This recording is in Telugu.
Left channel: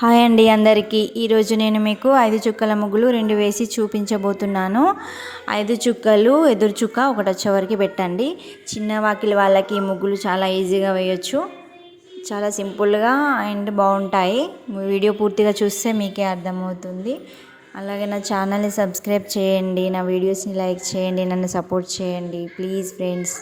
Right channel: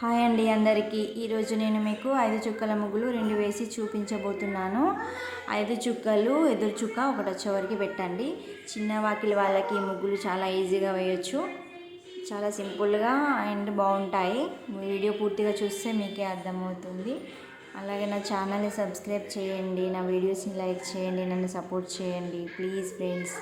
హాయ్ అండి అందరికీ. ఈరోజు నేను మీకు 5 చుక్కల ముగ్గులు 2 వేసి చూపించబోతున్నాను. 5 చుక్కలు ఎదురు చుక్క ఒకటి వచ్చే వరకు పెట్టండి. చిన్న వాకిలి వాళ్ళకి ముగ్గులు చాలా ఈజీగా వేయొచ్చు. చాలా సింపుల్గా అండ్ బాగుంటాయి. వీడియో పూర్తిగా చూస్తే మీకే అర్థమవుతుంది. అలాగే నా ఛానల్ని సబ్స్క్రైబ్ చేయండి, నా వీడియోస్ని లైక్ చేయండి, నన్ను సపోర్ట్ చేయండి ప్లీజ్ ఫ్రెండ్స్.